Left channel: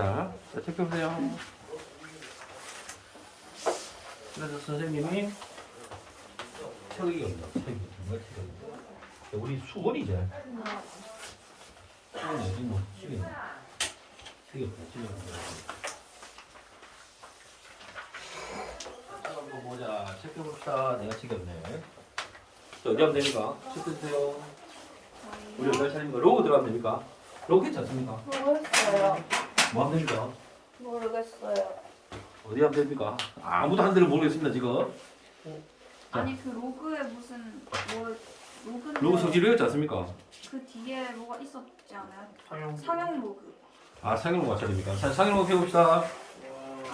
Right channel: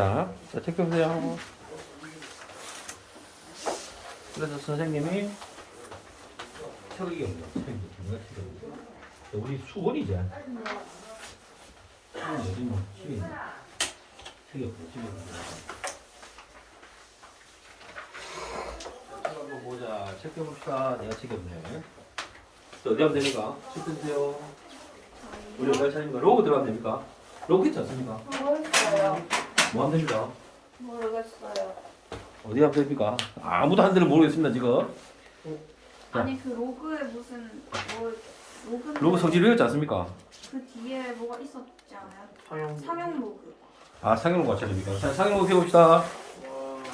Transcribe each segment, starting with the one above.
자, 체크해보세요. 그래서 선생님이 태우기 없네. 우리 수건이지. 수건이 뭐 집에 있네. 태우기 없네. 집에 있네. 한번 보자. 체크해봅시다. 내가 지겹네. 어디 하면 됩니까? 체크해주세요. 우리 몇 차례입니까? 로고 들어가면 됩니까? 로고 있지 않습니까? 모르겠어요. 뭐 하면 됩니까? 모르겠어요. 어디 하면 됩니까? 아무도 한 대를 모르겠습니다, 지금. 자. 아니 그 로그에 무슨 뭐 로고 성질 배웠지 않습니까? 그 뒤에 뭐가 있었지 않아요? 상영. 상용 로그. 아, 상용 로고 차례입니까? 상용 로고 배웁시다.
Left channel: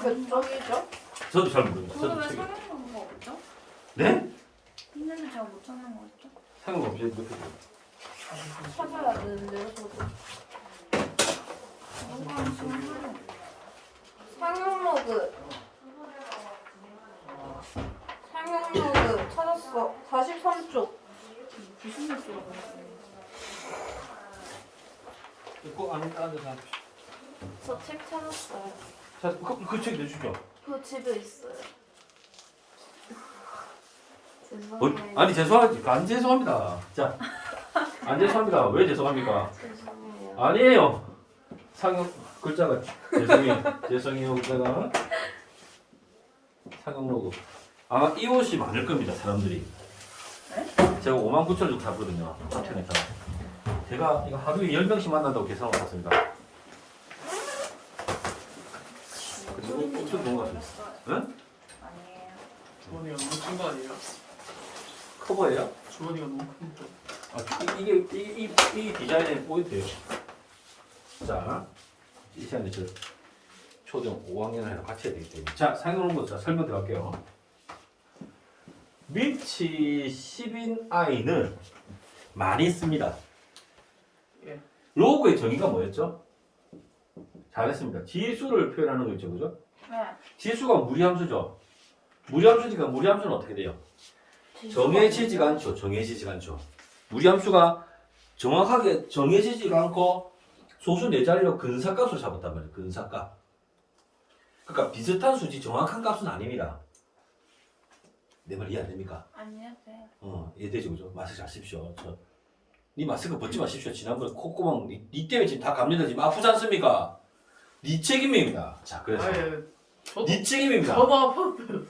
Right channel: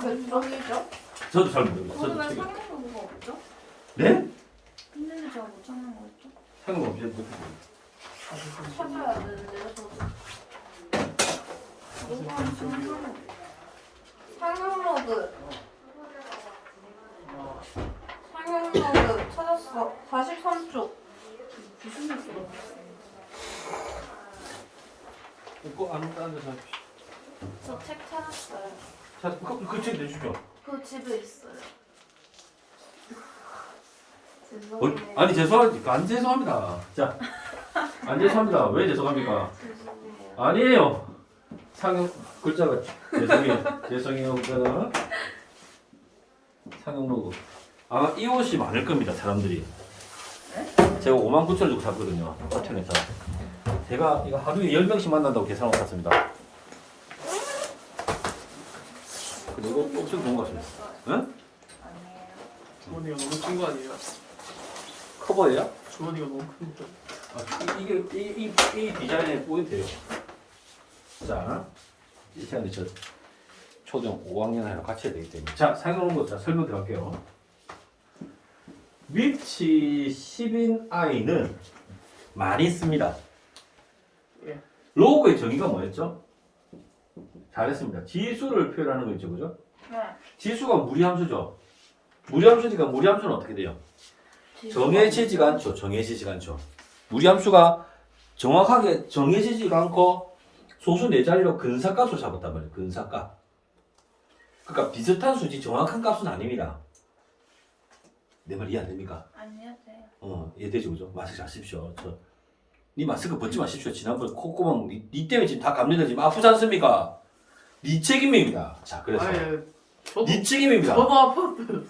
그 쪽이죠? 저도 잘 모르겠어요. 저도 거기가 지금. 상용 로그가 없죠? 네? 있는데 제가 못 찾는 거였죠? 상용 로고 없이 못 배워요. 찾아야 되는데요, 저도. 로그가 무슨 상용 로그. 상용 로그 찾았어. 43쪽. 무슨 뉴스로? 꼭 앉아서 합시다. 저 책 찾았어요. 자, 그 책 내주죠. 그 집에 있어요. 아니, 죄송합니다. 안 죄송합니다. 자, 안 죄송합니다. 왜 죄송합니까? 죄송해요. 아니에요. 상용 글자가 죄송해요. 그거는 상용 로고. 아마 이 옷이 많을 겁니다. 사람들이. 제가 59,000원 주고 샀거든요. 호텔에서. 제가 이거 하루에 10명씩 만난다고 계산하고 샀습니다. 그리고 옷을 본 것 같습니다. 응? 주원이가 너무 큰 거 아니에요? 커버예요? 주원이가 너무 큰 거. 아, 이 디자인의 포인트예요. 자, 이 시간에 저 초등 5학년이랑 같이 해야 되기 때문에. 자, 상용 로고 자 설명 들어갈게요. 위치 10인 I는 많이 씁니다. 예. 로고의 정의가 뭐였죠? 잘했습니다. 지수를 표현하는 거 있죠, 그죠? 네. 지수가 무리함수죠. 무리함수니까 무리함수는 어떻게 돼요? 정해지지가 않죠. 정해지지가 않죠. 무리함수가 정확하게 정해지지가 않고 소수 네 자리로 근사값으로 잡았단 말이에요. 근사값. 그러니까 비슷한 수지 정확한 값은 아닙니다. 내 말 이해 안 됩니까? 아니요, 네. 이해되죠, 그죠? 마스크 잘 쓰십시오. 니 마스크 벗지 마십시오. 지난번에 콧구멍 니 때문에 지금 다 감염돼 지금 아프지 않습니까? 니 책임입니다. 자, 그래서 아예 저도 니 책임입니다. 저도 아팠어요.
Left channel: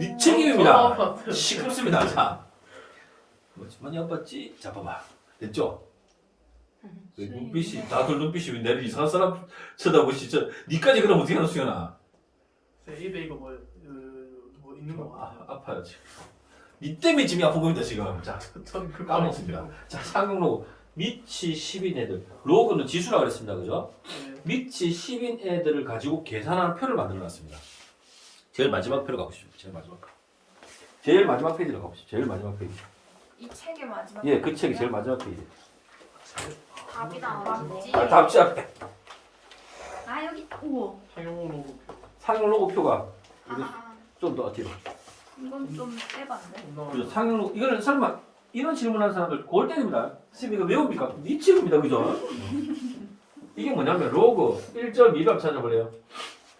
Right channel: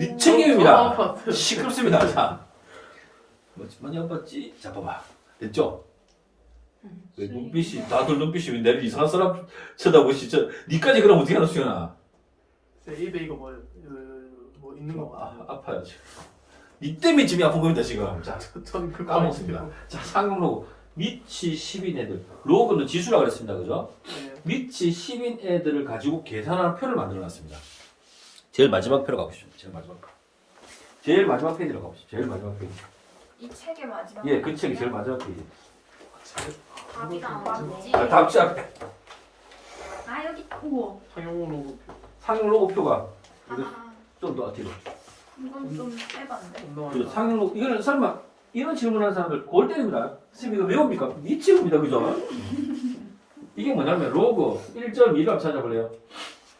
니 책임입니다. 저도 아팠어요. 시끄럽습니다. 자, 많이 아팠지? 자, 봐봐. 됐죠? 왜 눈빛이 다들 눈빛이 왜 내를 이상한 사람 쳐다보시? 니까지 그럼 어떻게 하나 수연아? 제 입에 이거 뭐 있는 거 아파요 지금. 니 때문에 집이 아픈 겁니다 지금. 자, 전 그거 까먹습니다. 자, 상용 로고 위치 10인 애들. 로고는 지수라 그랬습니다, 그죠? 네. 위치 10인 애들을 가지고 계산하는 표를 만들어놨습니다. 제일 마지막 표로 가보시죠. 제일 마지막 페이지로 가보시죠. 제일 마지막 페이지. 이 책의 마지막. 예, 그 책이 제일 마지막 페이지. 답이 나왔지. 아, 다음 주 앞에 아 여기. 우와. 상용으로 상용 로고 표가 아, 좀 더 뒤로. 이건 좀 짧은데. 그래서 상용 로고 이거는 설마 이런 질문하는 사람들 골 때립니다. 선생님 이거 왜 옵니까? 미치겁니다, 그죠? 이게 뭐냐면 로고 1.2를 한번 찾아볼래요?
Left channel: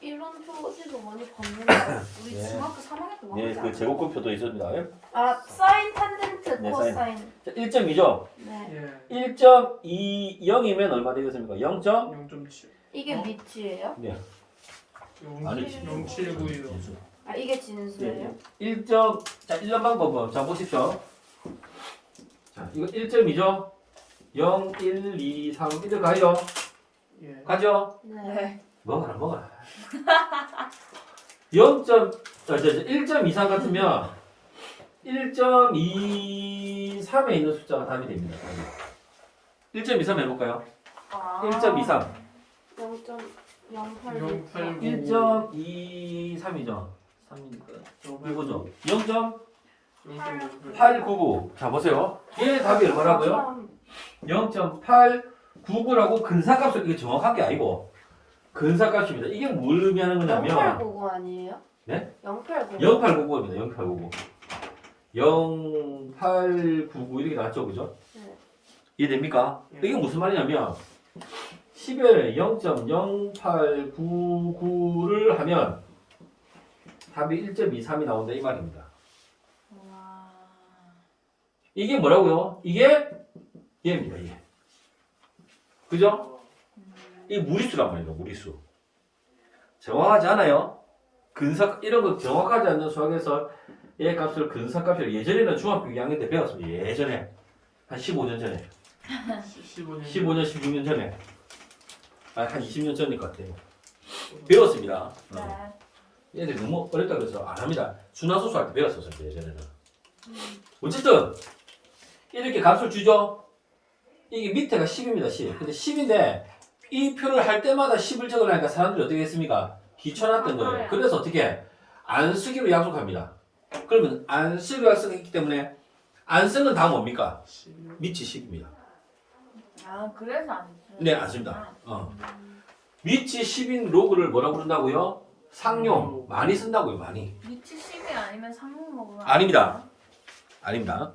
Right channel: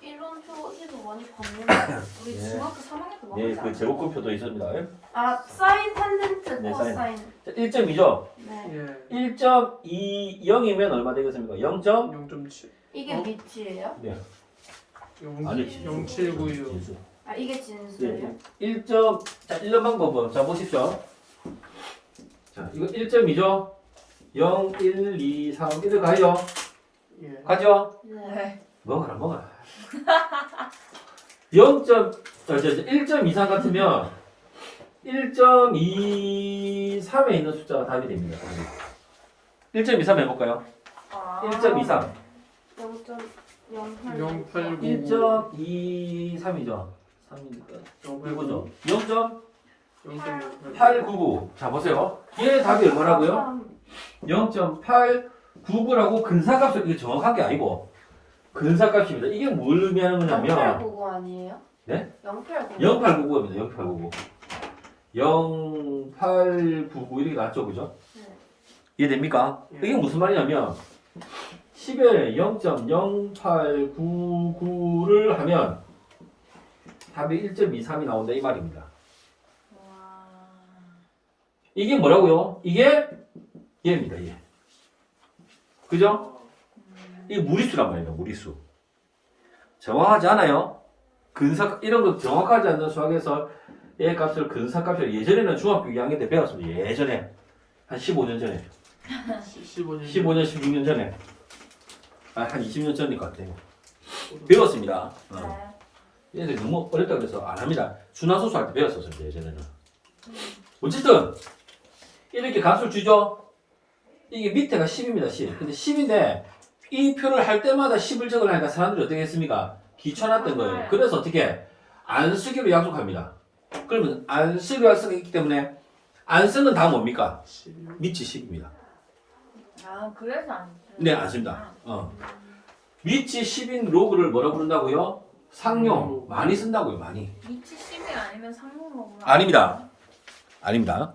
이런 표지도 많이 봤는데 우리 네. 중학교 3학년 때 네, 먹었지 그 제곱근표도 있습니다. 예? 아 사인 탄젠트 네, 코사인. 자, 1.2죠? 네. 예 1.20이면 얼마 되겠습니까? 0. 0.7 이게 밑이에요? 네. 아니지 0796 진수. 아 이게 진수예요? 1. 자, 1번 방법은 자 보십시오. 자, 이거 1.2죠? 0, 1, 2, 3, 1을 가죠? 예 가죠? 네. 먹어라. 1.23 같으면 1.23에 있는 숫자가 답이 됩니다. 1.23 해볼까요? 아. 1.23. 089 1.23이죠. 3이니까 이거죠. 0.8 0.899. 자 보세요. 얘의 답이 얼마라고요? 0.899라고 근사값을 이게 정확한 게 아니고 근사값입니다. 이게 뭘 의미하는 거냐면 0899 아니에요? 네? 0899. 0899입니다. 0899. 0899 이렇게 나왔죠, 그죠? 네. 이해됩니까? 예. 이게 무슨 말이냐면 10에 0.0899를 하면 답이 1.23이 나온다 이 말입니다. 와. 이게 뭐라고요? 이게 얘입니다. 얘. 그죠? 이 무리수란 말이에요. 무리수. 정확하지 않아요? 이런 거 정확하지 않는 수학에서 얘 값을 근사값이라고 예전에는 중학교 2학년 때 배웠습니다. 예전에 한 15년 전에 15년 16년 전에 한 20년 전일 것 같아요. 배웠습니다. 네. 얘들이 너무 어렵다 그래서 안 합니다. 순환소수 할 때 배웠었어요. 예전에는. 어쨌든 이렇게 값을 주죠. 이게 밑에가 10입니다. 10. 근데 10인데 이 표를 할 때마다 10을 적으려니까 사람들이 어떻게 했습니까? 귀찮았던 거예요. 그래서 어떻게 안 쓰기로 약속합니다. 그러면 안 쓰기로 약속했기 때문에 안 쓰는 다 뭡니까? 밑이 10입니다. 아, 그래서 안 써요? 네, 안 씁니다. 밑이 10인 로그를 뭐라 부른다고요? 상용. 많이 쓴다고요. 많이. 밑이 10이 아니면 상용으로 아닙니다. 아닙니다.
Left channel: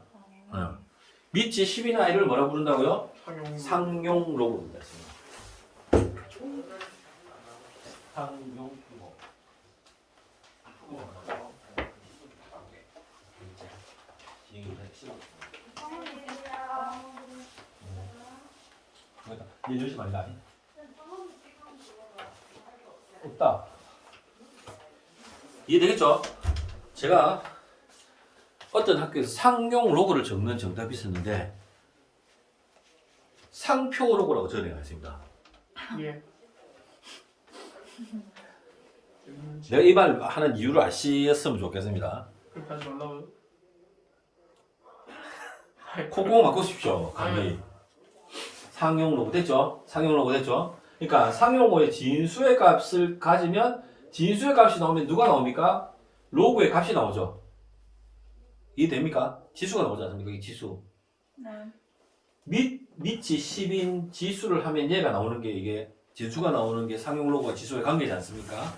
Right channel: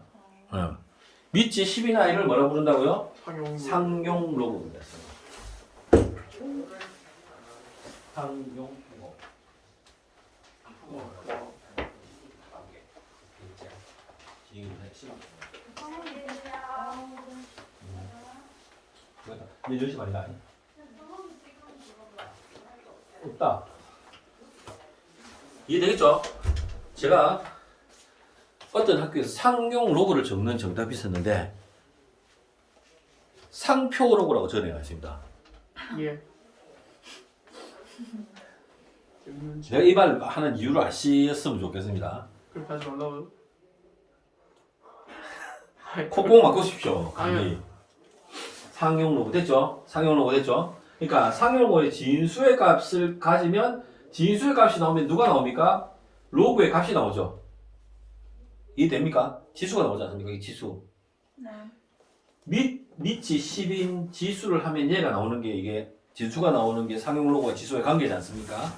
밑이 10인 아이를 뭐라 부른다고요? 상용 로그입니다. 상용 로그. 얘 열시 말이다. 없다. 이해되겠죠? 제가 어떤 학교에서 상용 로그를 적는 정답이 있었는데 상표 로그라고 전해가 있습니다. 예. 내가 이 말 하는 이유를 아시었으면 좋겠습니다. 그렇게 하지 말라고요? 콧구멍 막으십시오. 감기. 상용 로그 됐죠? 상용 로그 됐죠? 그러니까 상용 로그의 진수의 값을 가지면 진수의 값이 나오면 누가 나옵니까? 로그의 값이 나오죠. 이해됩니까? 지수가 나오지 않습니까? 이 지수. 네. 밑이 10인 지수를 하면 얘가 나오는 게 이게 지수가 나오는 게 상용 로그와 지수의 관계지 않습니까?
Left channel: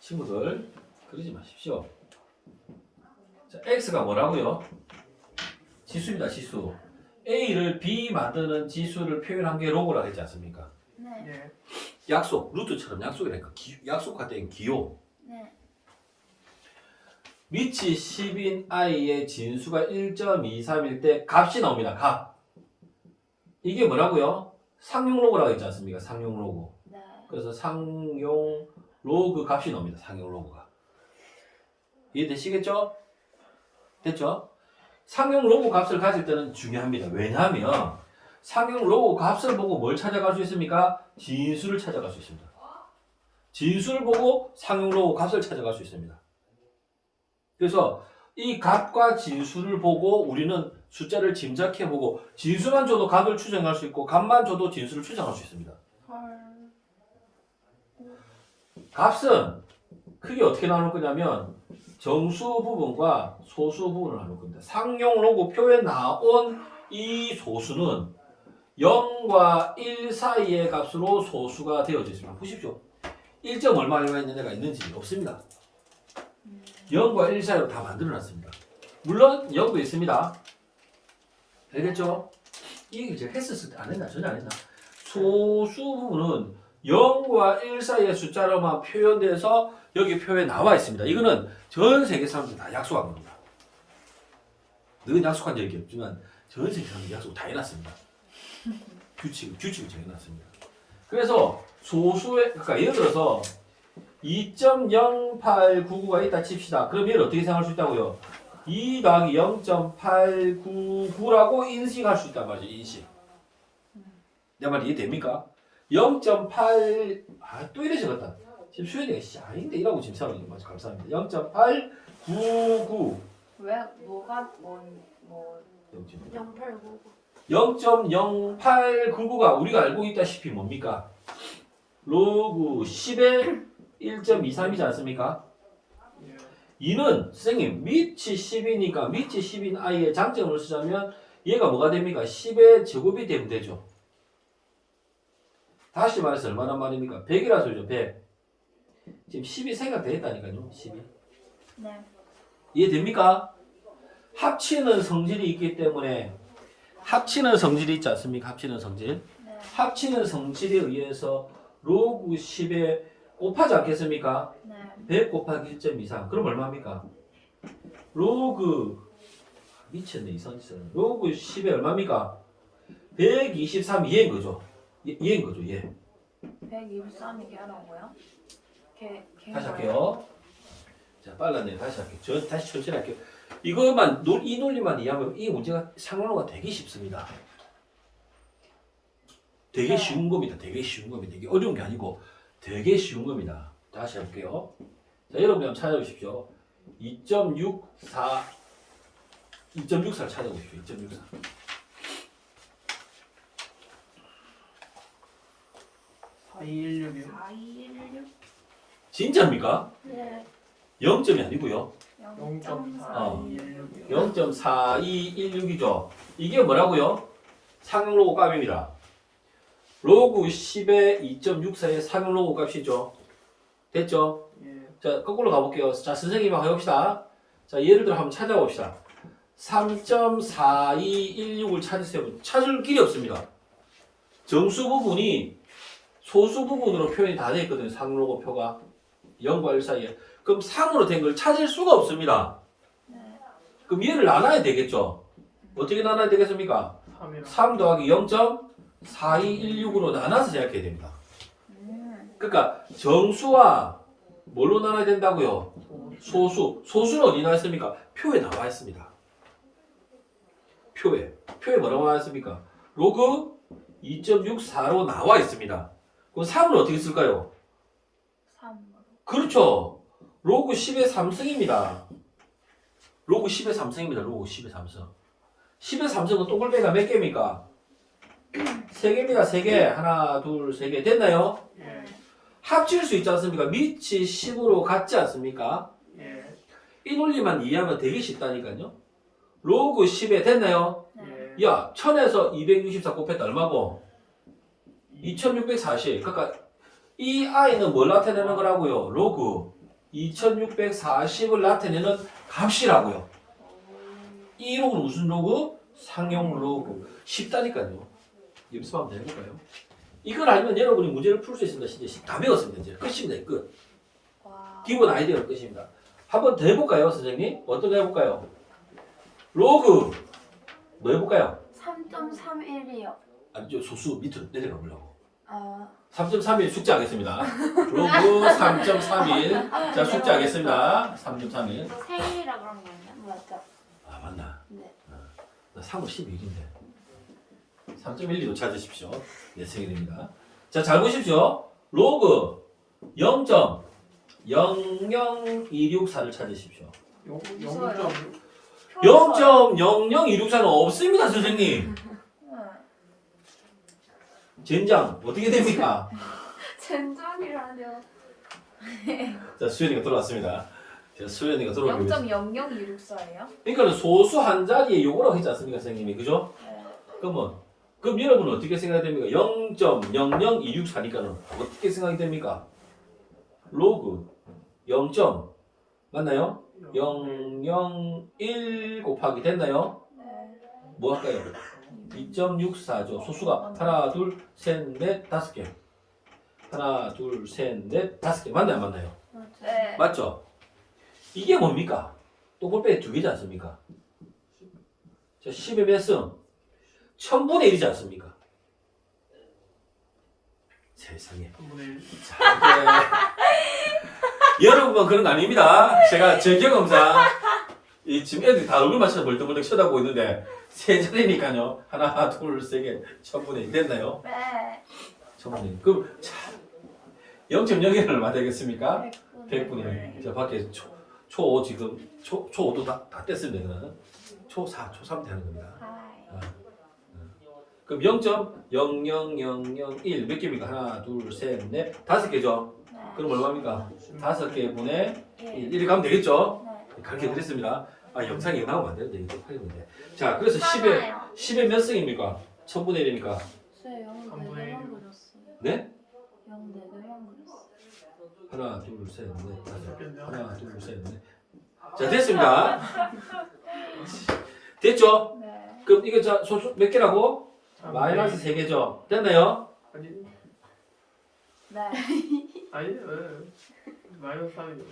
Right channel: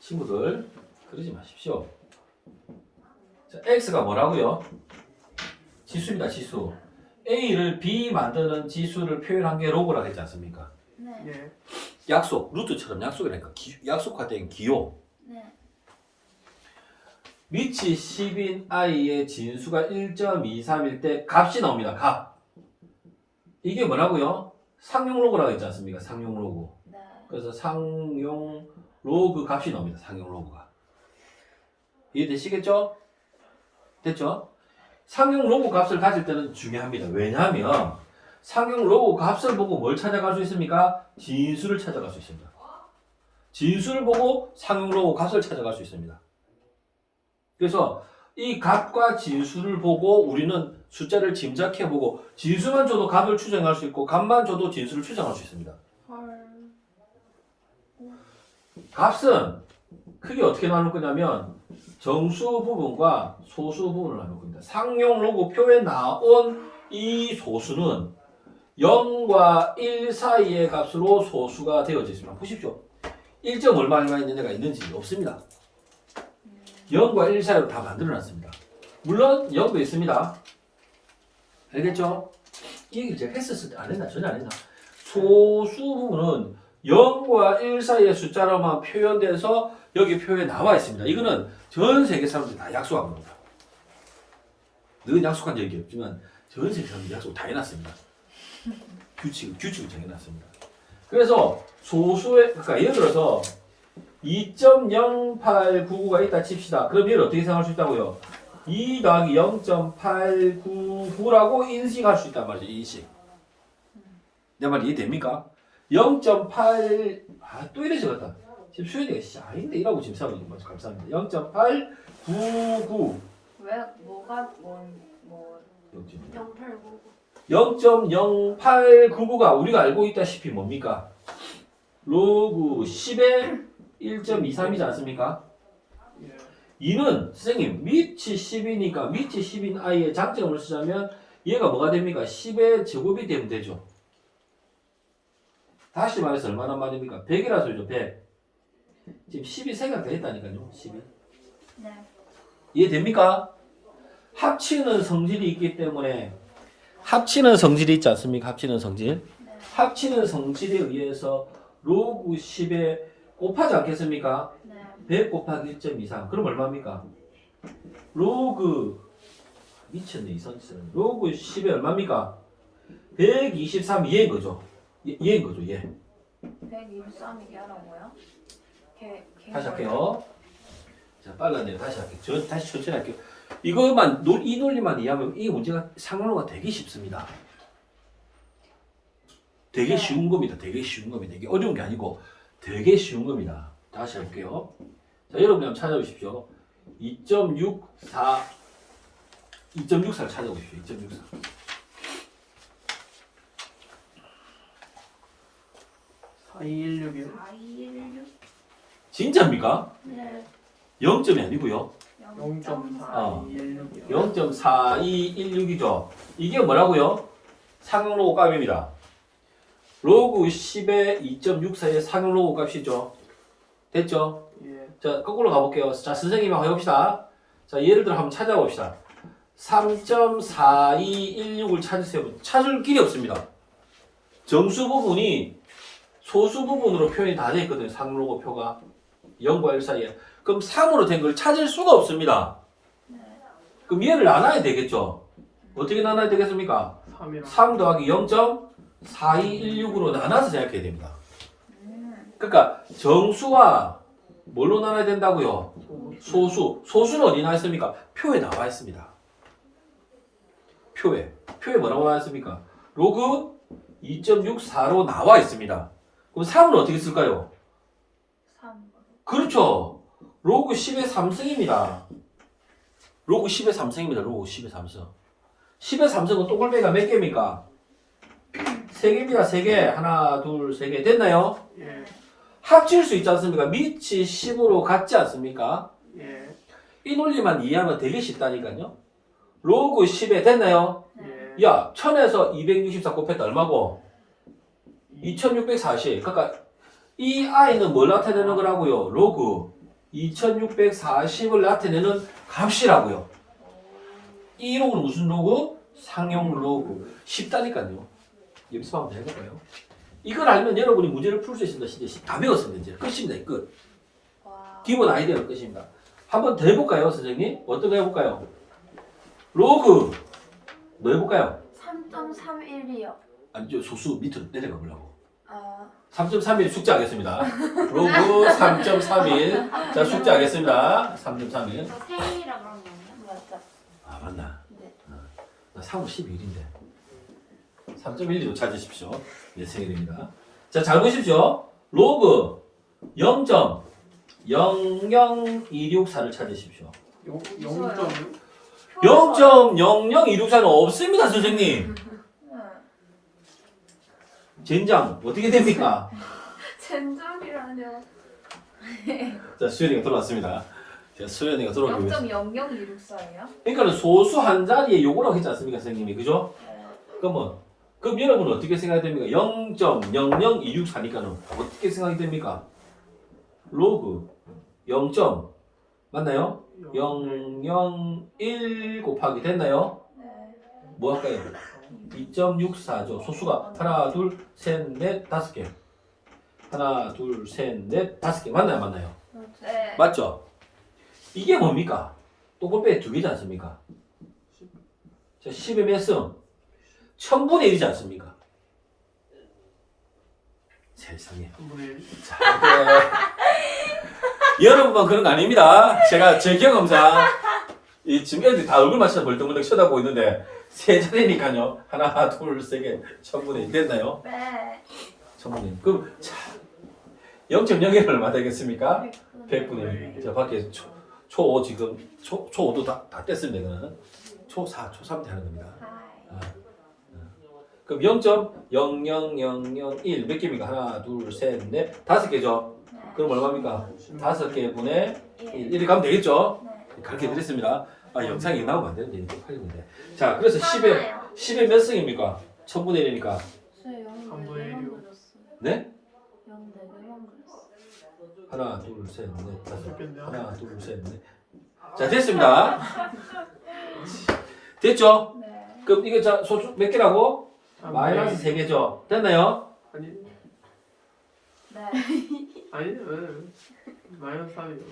친구들 그러지 마십시오. 자, x가 뭐라고요? 지수입니다. 지수. a를 b 만드는 지수를 표현한 게 로그라고 했지 않습니까? 네. 예. 약속, 루트처럼 약속이라니까 약속화된 기호. 네. 밑이 10인 i의 진수가 1.23일 때 값이 나옵니다. 값. 이게 뭐라고요? 상용 로그라고 했지 않습니까? 상용 로그. 네. 그래서 상용 로그 값이 나옵니다. 상용 로그가. 이해되시겠죠? 됐죠? 상용 로그 값을 가질 때는 중요합니다. 왜냐하면 상용 로그 값을 보고 뭘 찾아갈 수 있습니까? 진수를 찾아갈 수 있습니다. 진수를 보고 상용 로그 값을 찾아갈 수 있습니다. 그래서 이 값과 진수를 보고 우리는 숫자를 짐작해보고 진수만 줘도 값을 추정할 수 있고 값만 줘도 진수를 추정할 수 있습니다. 헐. 값은 크게 어떻게 나눌 거냐면 정수 부분과 소수 부분을 나눌 겁니다. 상용 로그 표에 나온 이 소수는 0과 1 사이의 값으로 소수가 되어져 있습니다. 보십시오. 1점 얼마 있는 애가 있는지 없습니다. 0과 1 사이로 다 만들어놨습니다. 물론 0도 있습니다. 알겠죠? 이 얘기를 제가 했었을 때 안 했나? 전혀 안 했나? 소수 부분은 0과 1 사이의 숫자로만 표현돼서 여기 표에 나와 있습니다. 이거는 전 세계 사람들이 다 약속한 겁니다. 늘 약속한 적이 없지만 전 세계 사람들이 약속 다 해놨습니다. 규칙을 정해놨습니다. 그래서 소수의, 그러니까 예를 들어서 2.0899가 있다 칩시다. 그럼 얘를 어떻게 생각할 수 있다고요? 2 더하기 0.899라고 인식할 수 있단 말이죠. 인식. 내 말 이해됩니까? 0.8 또 이래 적었다. 지금 수현이가 아닌데 이라고 지금 생각하고 있는 감사합니다. 0.899 왜 뭐가 뭐 0.0899가 우리가 알고 있다시피 뭡니까? 로그 10의 1.23이지 않습니까? 예. 이는 선생님 밑이 10이니까 밑이 10인 i의 장점을 쓰자면 얘가 뭐가 됩니까? 10의 제곱이 되면 되죠. 다시 말해서 얼마나 말입니까? 100이라 소리죠. 100. 지금 10이 생각돼 있다니까요. 10이. 네. 이해됩니까? 합치는 성질이 있기 때문에 합치는 성질이 있지 않습니까? 합치는 성질. 네. 합치는 성질에 의해서 로그 10에 곱하지 않겠습니까? 네. 100 곱하기 1.23 그럼 얼마입니까? 로그 미쳤네 이 선생. 로그 10에 얼마입니까? 123 얘인 거죠. 얘인 거죠 얘. 123이 걔라고요? 다시 할게요. 자 빨랐네요. 다시 할게요. 다시 천천히 할게요. 이것만 이 논리만 이해하면 이 문제가 상황로가 되게 쉽습니다. 되게 네. 쉬운 겁니다. 되게 쉬운 겁니다. 이게 어려운 게 아니고 되게 쉬운 겁니다. 다시 해볼게요. 자 여러분이 한번 찾아보십시오. 2.64를 찾아보십시오. 2.64. 4216이요. 4216? 진짜입니까? 네. 0점이 아니고요. 0.4216이요. 0.4216이죠. 이게 뭐라고요? 상로고 값입니다. 로그 10의 2.64의 상로고 값이죠. 됐죠? 예. 자, 거꾸로 가볼게요. 자, 선생님하고 해봅시다. 자, 예를 들어 한번 찾아봅시다. 3.4216을 찾으세요. 찾을 길이 없습니다. 정수 부분이 소수 부분으로 표현이 다 되어 있거든요. 상로고 표가 0과 1 사이에. 그럼 3으로 된 걸 찾을 수가 없습니다. 네. 그럼 얘를 나눠야 되겠죠. 어떻게 나눠야 되겠습니까? 3이랑 3 더하기 0.4216으로 나눠서 생각해야 됩니다. 그러니까 정수와 뭘로 나눠야 된다고요? 소수는 어디 나와 있습니까? 표에 나와 있습니다. 표에 뭐라고 나와 있습니까? 로그 2.64로 나와 있습니다. 그럼 3을 어떻게 쓸까요? 3. 그렇죠. 로그 10의 3승입니다. 로그 10의 3승입니다. 로그 10의 3승. 10의 3승은 동글배가 몇 개입니까? 3개입니다. 3개. 하나, 둘, 3개. 됐나요? 예. 합칠 수 있지 않습니까? 밑이 10으로 같지 않습니까? 예. 이 논리만 이해하면 되게 쉽다니까요. 로그 10에 됐나요? 예. 야, 1000에서 264 곱했다 얼마고? 2640. 그러니까 이 i는 뭘 나타내는 거라고요? 로그 2640을 나타내는 값이라고요. 이 로그는 무슨 로그? 상용 로그. 쉽다니까요. 연습하면 되는 거예요. 이걸 알면 여러분이 문제를 풀 수 있습니다. 진짜 다 배웠습니다. 이제 끝입니다. 끝. 와. 기본 아이디어가 끝입니다. 한번 더 해볼까요, 선생님? 어떤 거 해볼까요? 로그 뭐 해볼까요? 3.31이요. 아니죠, 소수 밑으로 내려가 보려고. 아. 3.31 숙제하겠습니다. 로그 3.31. 자, 숙제하겠습니다. 3.31. 저 생일이라 그런 거 아니야? 맞죠? 아, 맞나? 네. 나 3월 12일인데. 3.12도 찾으십시오. 내 생일입니다. 자, 잘 보십시오. 로그 0.00264를 찾으십시오. 0.00264는 없습니다, 선생님. 젠장, 어떻게 됩니까? 젠장이라뇨. 자, 수연이가 돌아왔습니다. 자, 수연이가 돌아오고 있습니다. 0.00264예요? 그러니까 소수 한 자리에 요거라고 했지 않습니까, 선생님이? 그죠? 네. 그럼 여러분은 어떻게 생각이 됩니까? 0.00264니까는 어떻게 생각이 됩니까? 로그 0. 맞나요? 001 곱하기 됐나요? 네. 뭐 할까요? 2.64죠. 소수가 하나, 둘, 셋, 넷, 다섯 개. 하나, 둘, 셋, 넷, 다섯 개. 맞나요? 맞나요? 네. 맞죠? 이게 뭡니까? 또골빼기 두 개지 않습니까? 자, 10의 몇 승? 1000분의 1이지 않습니까? 세상에. 3분의 1. 자, 여러분만 그런 거 아닙니다. 제가 제 경험상 이 지금 애들이 다 얼굴 맞춰서 멀뚱멀뚱 쳐다보고 있는데 세 자리니까요. 하나, 둘, 세 개. 1000분의 1 됐나요? 네. 1000분의 1. 그럼 자, 0.01은 얼마 되겠습니까? 100분의 1. 저 밖에 초5 지금 초5도 다 뗐습니다. 이거는 초4, 초3 때 하는 겁니다. 아이. 그럼 0.00001 몇 개입니까? 하나, 둘, 셋, 넷, 다섯 개죠? 네. 그럼 얼마입니까? 5개 분의 1. 1. 1이 가면 되겠죠? 네. 가르쳐 드렸습니다. 아, 영상이 나오면 안 되는데, 이제 팔리는데. 자, 그래서 10에 몇 승입니까? 1000분의 1이니까. 쌤, 3분의 1. 네? 0 4개만 그렸어. 하나, 둘, 셋, 넷, 다섯. 좋겠네요. 하나, 둘, 셋, 넷. 자, 됐습니다. 됐죠? 네. 그럼 이게 자, 소수 몇 개라고? 마이너스 3개죠. 됐나요? 아니 네. 아니 왜 마이너스 3이요.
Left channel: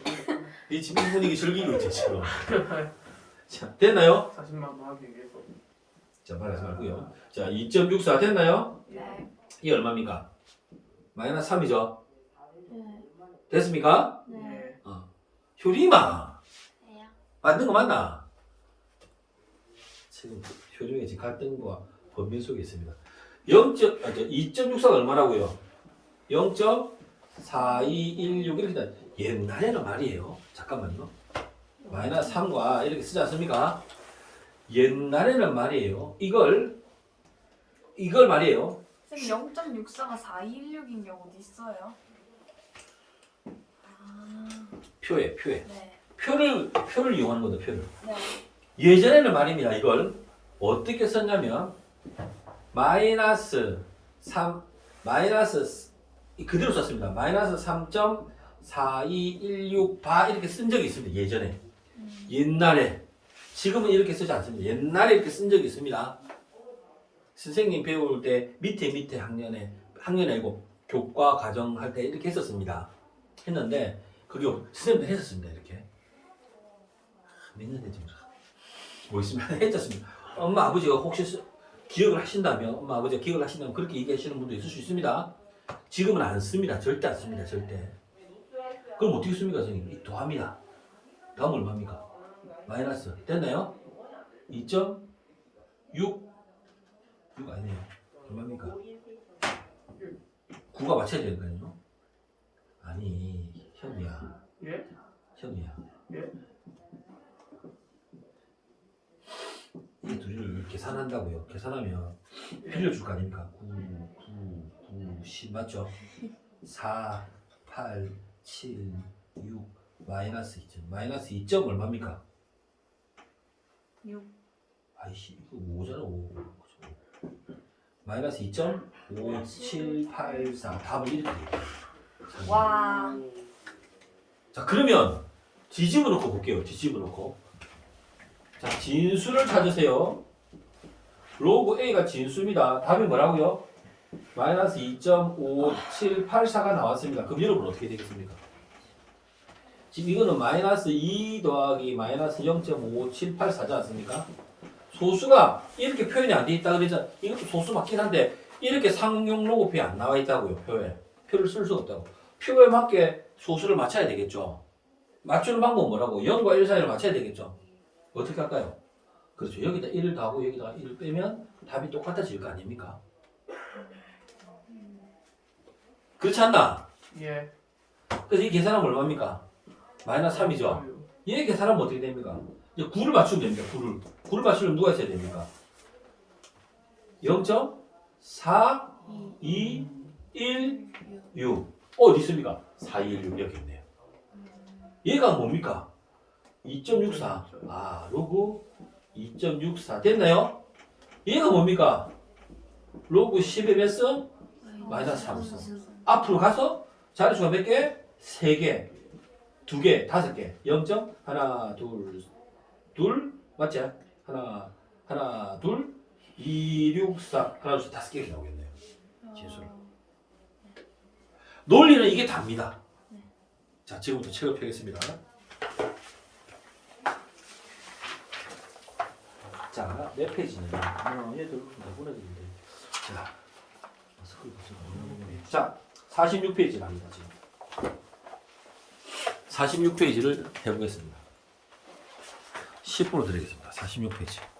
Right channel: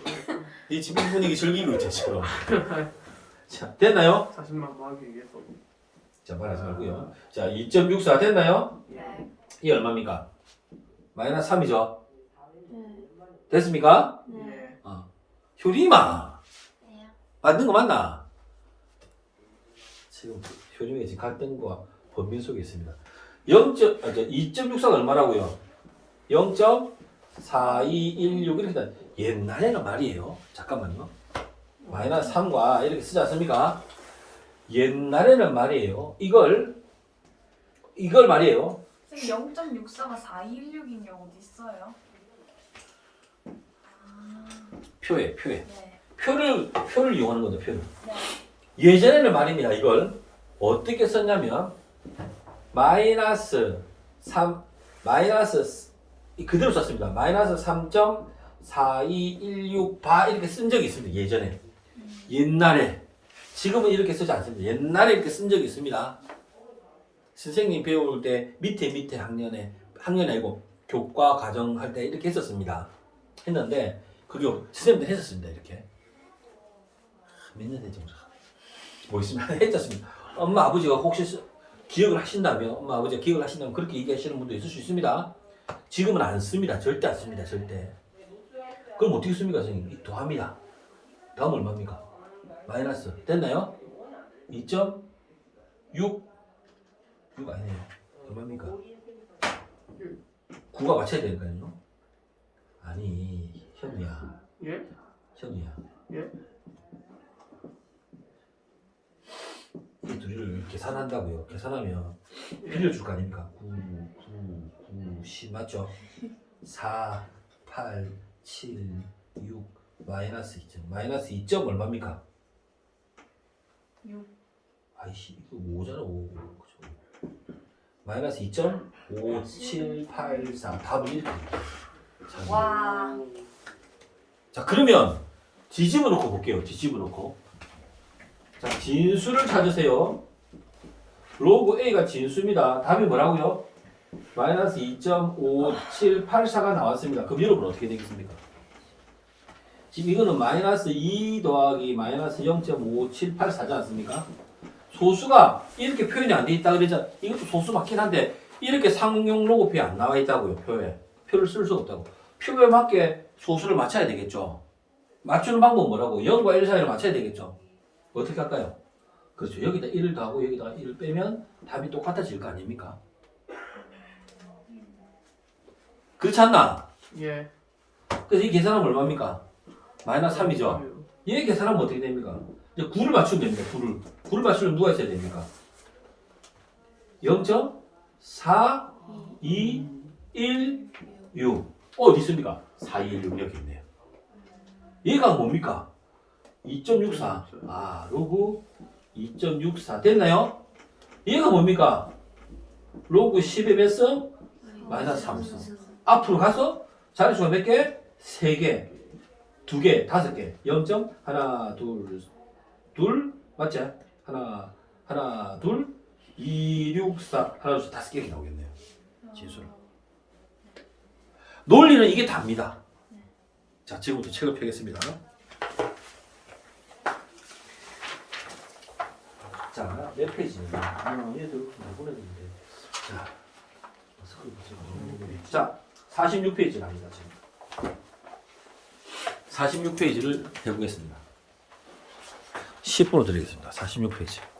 네 지금 분위기 즐기고 있지 지금. 자 됐나요? 자신만만하기 위해서. 자 말하지 말고요. 자 2.64 됐나요? 네. 이 얼마입니까? 마이너스 3이죠. 네. 됐습니까? 네. 예. 효림아 네요. 맞는 거 맞나? 지금 효림이 지금 갈등과 번민 속에 있습니다. 2.64가 얼마라고요? 0.4216 이렇게 돼. 옛날에는 말이에요. 잠깐만요. 마이너스 3과 이렇게 쓰지 않습니까? 옛날에는 말이에요. 이걸 말이에요. 선생님 0.64가 4216인 경우도 있어요. 표에 네. 표를 이용하는 거다. 표를. 네. 예전에는 말입니다. 이걸 어떻게 썼냐면 마이너스 3 그대로 썼습니다. 마이너스 3.4216 바 이렇게 쓴 적이 있습니다. 예전에. 옛날에. 지금은 이렇게 쓰지 않습니다. 옛날에 이렇게 쓴 적이 있습니다. 선생님 배울 때 밑에 학년에 아니고 교과 과정 할 때 이렇게 했었습니다. 했는데 그게 선생님도 했었습니다. 이렇게. 몇 년 됐지 모르겠습니다. 했었습니다. 엄마 아버지가 혹시 기억을 하신다면 그렇게 얘기하시는 분도 있을 수 있습니다. 지금은 안 씁니다. 절대 안 씁니다. 절대. 그럼 어떻게 씁니까 선생님? 더합니다. 다음 얼마입니까? 마이너스 됐나요? 2.6 6 아니에요. 얼마입니까? 9가 맞춰야 되니까요. 아니 현우야. 예? 현우야. 예? 이 둘이를 계산한다고요. 계산하면 예. 빌려줄 거 아닙니까? 10 맞죠? 4, 8, 7, 6 마이너스 2점. 마이너스 2점 얼마입니까? 6. 아이씨 이거 5잖아 5. 마이너스 2.5784 답은 이렇게 됩니다. 와. 자 그러면 뒤집어 놓고 볼게요. 뒤집어 놓고 자 진수를 찾으세요. 로그 A가 진수입니다. 답이 뭐라고요? 마이너스 2.5784가 나왔습니다. 그럼 여러분 어떻게 되겠습니까? 지금 이거는 마이너스 2 더하기 마이너스 0.5784지 않습니까? 소수가 이렇게 표현이 안 돼 있다 그러잖아. 이것도 소수 맞긴 한데 이렇게 상용 로그표에 안 나와 있다고요. 표를 쓸 수가 없다고. 표에 맞게 소수를 맞춰야 되겠죠. 맞추는 방법은 뭐라고? 0과 1 사이를 맞춰야 되겠죠. 어떻게 할까요? 그렇죠. 여기다 1을 더하고 여기다 1을 빼면 답이 똑같아질 거 아닙니까? 그렇지 않나? 예. 그래서 이 계산하면 얼마입니까? 마이너스 3이죠. 얘 계산하면 어떻게 됩니까? 이제 9를 맞추면 됩니다. 9를 맞추려면 누가 있어야 됩니까? 0.4, 2, 1, 6. 어디 있습니까? 4, 2, 1, 6 여기 있네요. 얘가 뭡니까? 2.64. 아, 로그 2.64 됐나요? 얘가 뭡니까? 로그 10의 몇 승? 마이너스 3승. 앞으로 가서 자릿수가 몇 개? 3개, 2개, 5개. 0. 하나, 둘, 맞지? 하나, 둘, 2, 6, 4. 하나, 둘, 5개가 나오겠네요. 진수를. 논리는 이게 답니다. 자, 지금부터 책을 펴겠습니다. 자, 몇 페이지는? 얘들 보내드리면 돼요. 자, 46페이지 납니다. 지금. 46페이지를 해보겠습니다. 10분을 드리겠습니다. 46페이지.